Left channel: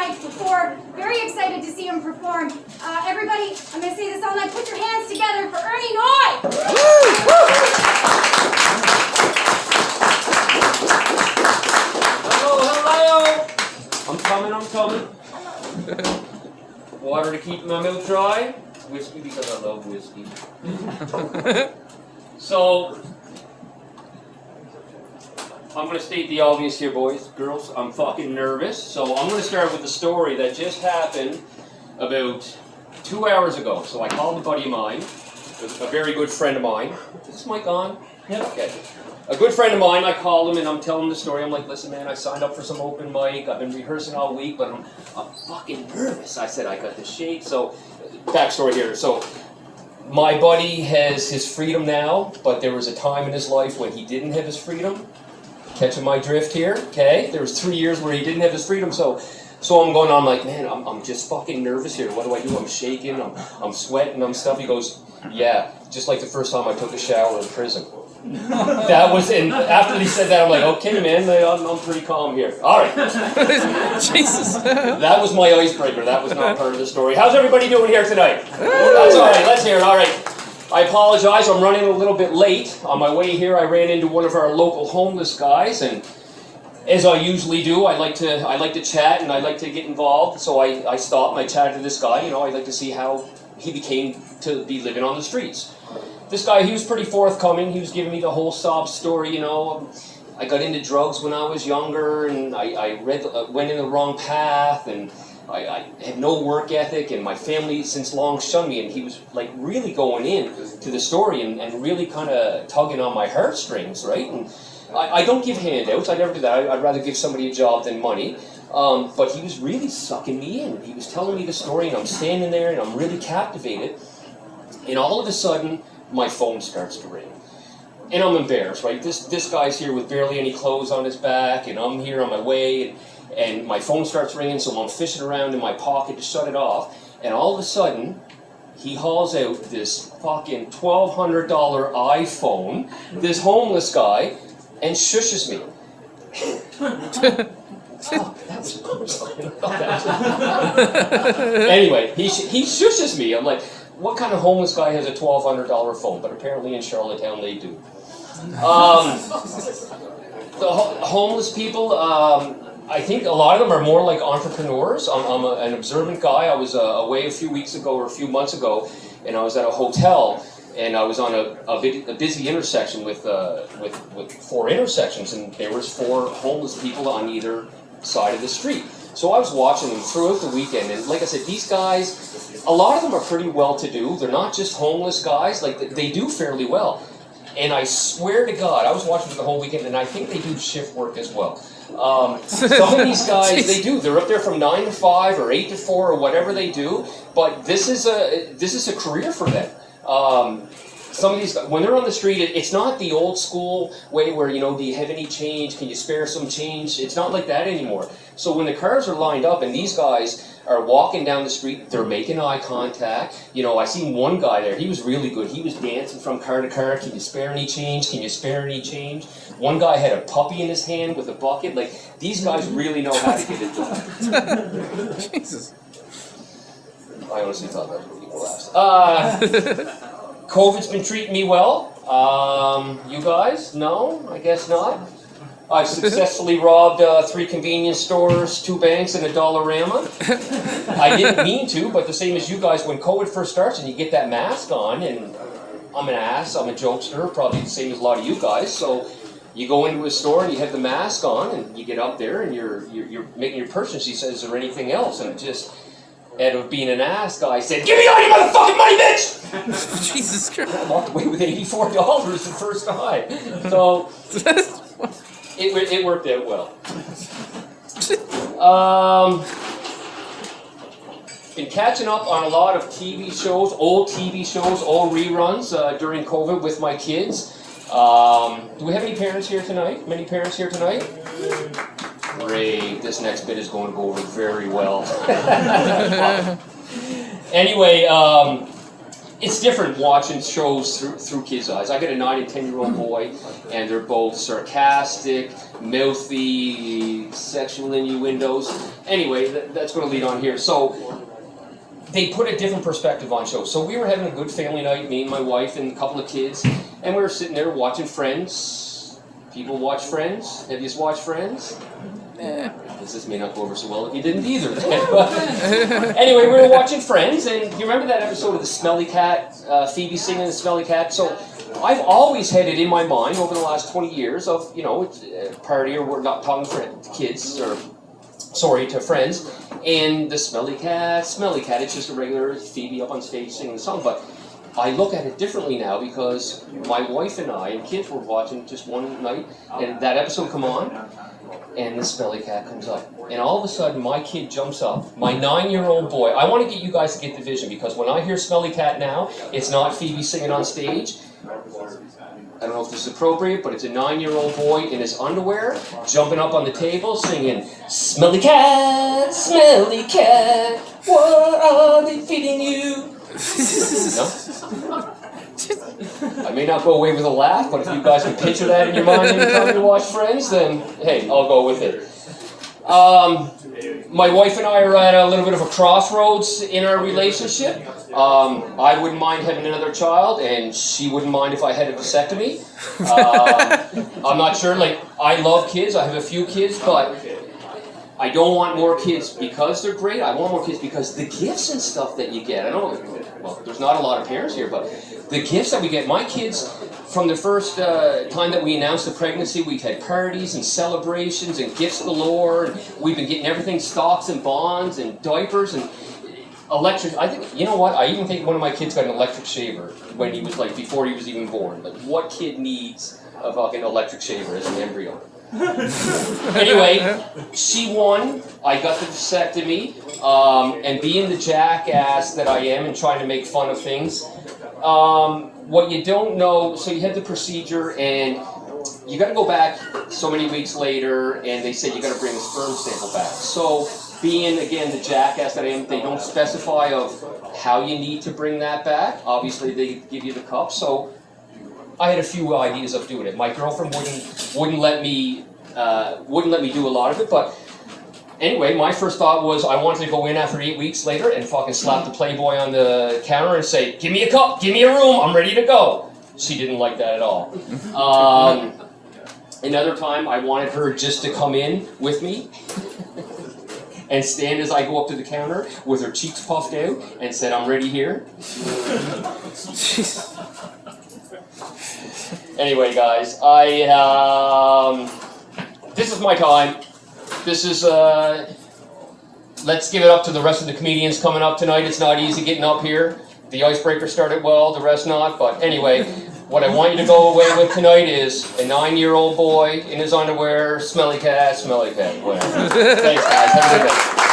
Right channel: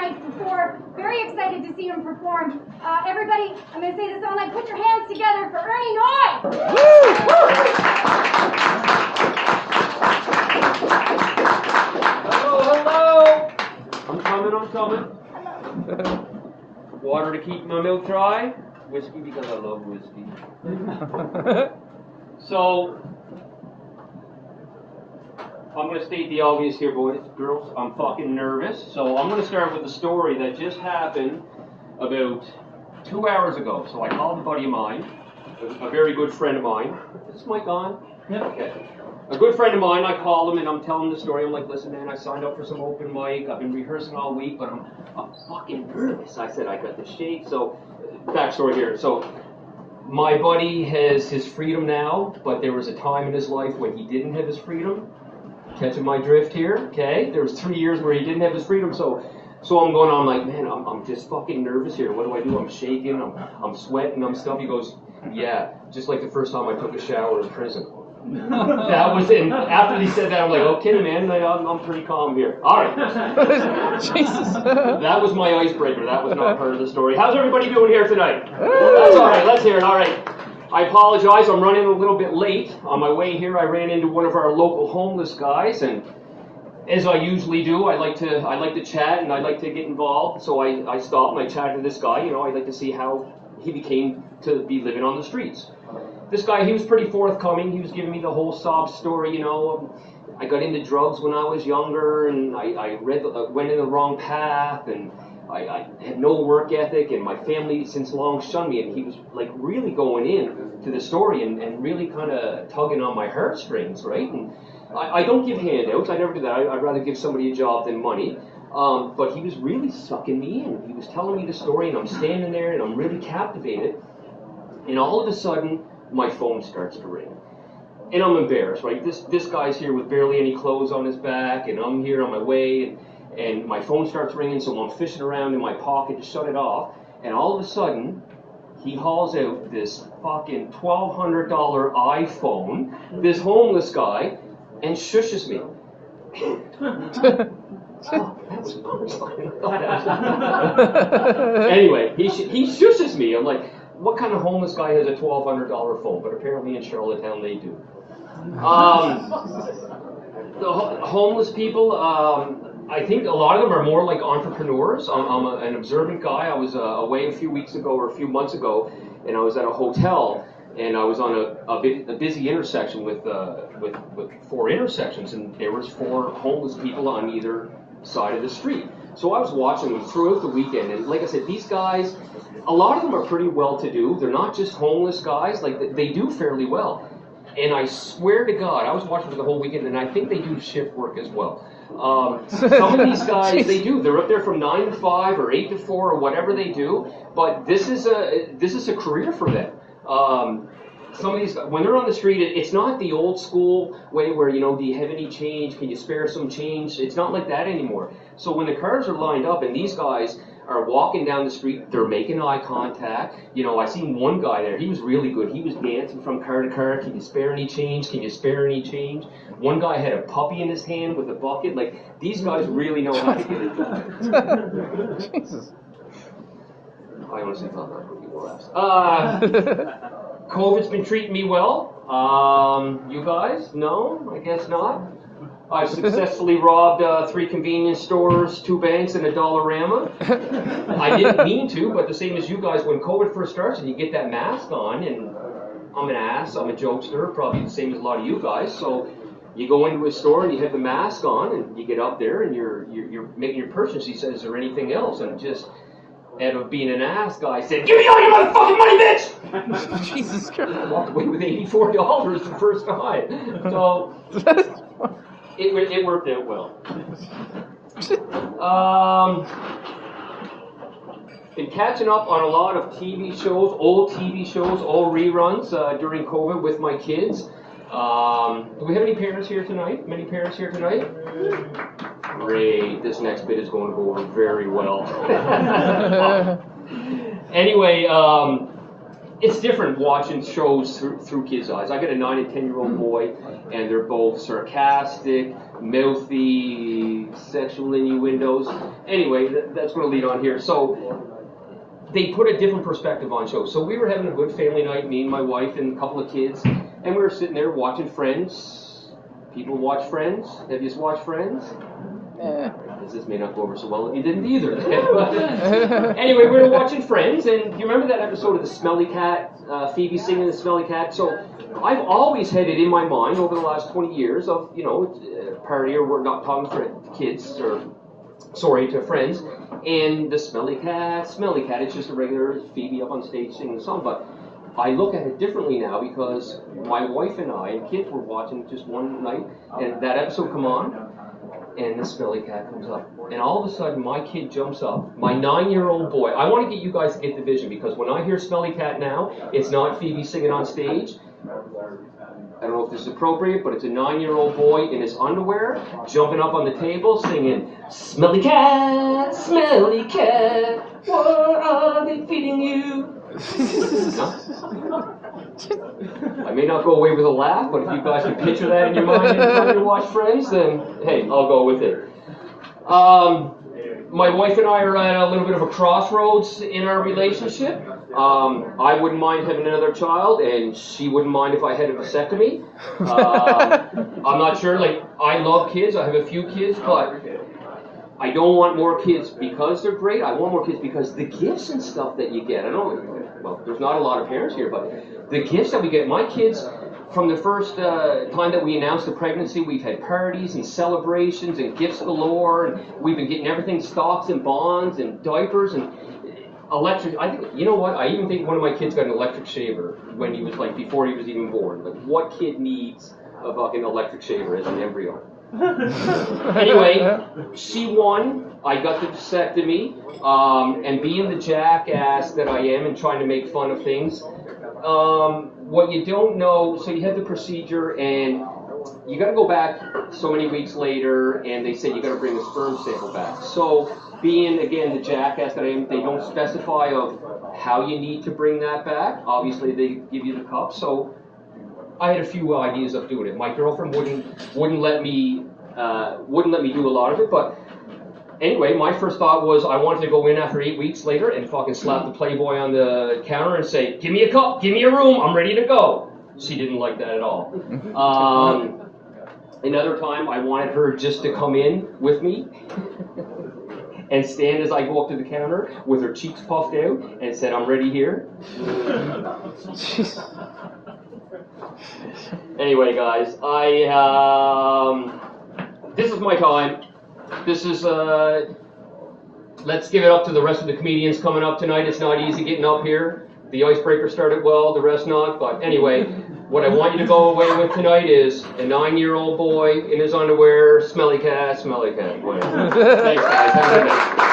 night before. Very excited to see him perform. Everybody, I'm going to say this all night. Put your hands together for Ernie Noy! Hello! I'm coming. Water to keep my mouth dry. Whiskey because I love whiskey. So, I'm going to state the obvious here, boys, girls. I'm fucking nervous. So I'm going to start with the story that just happened about 2 hours ago. So I called a buddy of mine, a very good friend of mine. Is this mic on? Yeah. Okay. A good friend of mine, I called him and I'm telling him the story. I'm like, listen, man, I signed up for some open mic. I've been rehearsing all week, but I'm fucking nervous. I said I got the shake. So, backstory here. So, my buddy has his freedom now, but there was a time in his life when he didn't have his freedom. Catching my drift here, okay? There was 3 years where he didn't have his freedom, so I'm going on like, man, I'm just fucking nervous here. What do? I'm shaking, I'm sweating, I'm stuff. He goes, yeah, just like the first time I took a shower in prison. That was it. After he said that, I'm like, okay, man, I'm pretty calm here. All right. Jesus. That was my icebreaker. That was not part of the story. How's everybody doing here tonight? That's all right. Let's hear it. All right. I apologize. I'm running a little bit late. On my way here, I ran into one of our local homeless guys, and as I usually do, I like to chat and I like to get involved. So I stopped and I chatted to this guy. You know, I'd like to see how he became to be living on the streets. This guy, he was pretty forthcoming. He was giving me the whole sob story, you know. I got into drugs when I was younger, and I went in the wrong path, and I had no work ethic, and my family since long shunned me, and he was like really going in to the story and really kind of tugging on my heartstrings, right? And I don't give handouts. I never do that. I'd rather give somebody a job than money. But he was really sucking me in. He was telling me the story, and I'm standing there, and I'm really captivated. And all of a sudden, my phone starts to ring. And I'm embarrassed, right? This guy's here with barely any clothes on his back, and I'm here on my way, and my phone starts ringing, so I'm fishing around in my pocket to shut it off. And all of a sudden, he hauls out this fucking $1,200 iPhone, this homeless guy, and shushes me. Oh, that was punchline. Anyway, he shushes me. I'm like, what kind of homeless guy has a $1,200 phone? But apparently in Charlottetown they do. The homeless people, I think a lot of them are more like entrepreneurs. I'm an observant guy. I was away a few weeks ago or a few months ago, and I was at a hotel, and I was on a busy intersection with 4 intersections, and there was 4 homeless people on either side of the street. So I was watching them throughout the weekend, and like I said, these guys, a lot of them are pretty well-to-do. They're not just homeless guys. Like, they do fairly well. And I swear to God, I was watching for the whole weekend, and I think they do shift work as well. Some of these guys, they do. They're up there from 9 to 5 or 8 to 4 or whatever they do. But this is a career for them. Some of these, when they're on the street, it's not the old school way where, you know, do you have any change? Can you spare some change? It's not like that anymore. So when the cars are lined up and these guys are walking down the street, they're making eye contact. You know, I seen one guy there, he was really good. He was dancing from car to car. Can you spare any change? Can you spare any change? One guy had a puppy in his hand with a bucket. Like, these guys really know how to get it done. Jesus. I honestly thought that was what people asked. COVID's been treating me well. You guys? No? I guess not. I've successfully robbed 3 convenience stores, 2 banks, and a Dollarama. I didn't mean to, but the same as you guys, when COVID first starts and you get that mask on, and I'm an ass, I'm a jokester, probably the same as a lot of you guys, so you go into a store and you have the mask on, and you get up there and you're making your purchase. He says, is there anything else? And just, out of being an ass guy, said, give me all your motherfucking money, bitch! Jesus Christ. I walked away with $84 the first time. So, it worked out well. Been catching up on a lot of TV shows, old reruns during COVID with my kids. Do we have any parents here tonight? Many parents here tonight? Great, this next bit is going to go over very well. Anyway, it's different watching shows through kids' eyes. I got a 9 and 10-year-old boy, and they're both sarcastic, mouthy, sexual innuendos. Anyway, that's going to lead on here. So they put a different perspective on shows. So we were having a good family night, me and my wife and a couple of kids, and we were sitting there watching Friends. People watch Friends? Have you watched Friends? This may not go over so well if you didn't either. Anyway, we were watching Friends, and you remember that episode of the Smelly Cat, Phoebe singing the Smelly Cat? So I've always had it in my mind over the last 20 years of, you know, a party or we're not talking to kids, or sorry, to friends, and the Smelly Cat, it's just a regular Phoebe up on stage singing the song. But I look at it differently now because my wife and I and kids were watching just one night, and that episode come on, and the Smelly Cat comes up. And all of a sudden, my kid jumps up, my 9-year-old boy. I want to get you guys to get the vision, because when I hear Smelly Cat now, it's not Phoebe singing on stage. I don't know if this is appropriate, but it's a 9-year-old boy in his underwear, jumping up on the table, singing, Smelly Cat, what are they feeding you? No? I may not go away with a laugh, but if you guys can picture that in your mind every time you watch Friends, then hey, I'll go with it. My wife and I are at a little bit of a crossroads in our relationship. I wouldn't mind having another child, and she wouldn't mind if I had a vasectomy. I'm not sure, like, I love kids, I have a few kids, but I don't want more kids because they're great. I want more kids because the gifts and stuff that you get, I know, well, there's not a lot of parents here, but the gifts that we get, my kids, from the first time that we announced the pregnancy, we've had parties and celebrations and gifts galore, and we've been getting everything, stocks and bonds and diapers and electric. I think, you know what, I even think one of my kids got an electric shaver when he was like, before he was even born. Like, what kid needs a fucking electric shaver as an embryo? Anyway, she won. I got the vasectomy, and being the jackass that I am and trying to make fun of things, what you don't know, so you have the procedure and you got to go back so many weeks later, and they say you got to bring the sperm sample back. So being, again, the jackass that I am, they don't specify of how you need to bring that back. Obviously, they give you the cup, so I had a few ideas of doing it. My girlfriend wouldn't let me do a lot of it, but anyway, my first thought was I wanted to go in after 8 weeks later and fucking slap the Playboy on the counter and say, give me a cup, give me a room, I'm ready to go. She didn't like that at all. Another time, I wanted her just to come in with me and stand as I go up to the counter with her cheeks puffed out and said, I'm ready here. Anyway, guys, this is my time. This is, let's give it up to the rest of the comedians coming up tonight. It's not easy getting up here. The icebreaker started well, the rest not. But anyway, what I want you to go away with tonight is a 9-year-old boy in his underwear, smelly cat, whatever. Thanks, guys. Have a good day.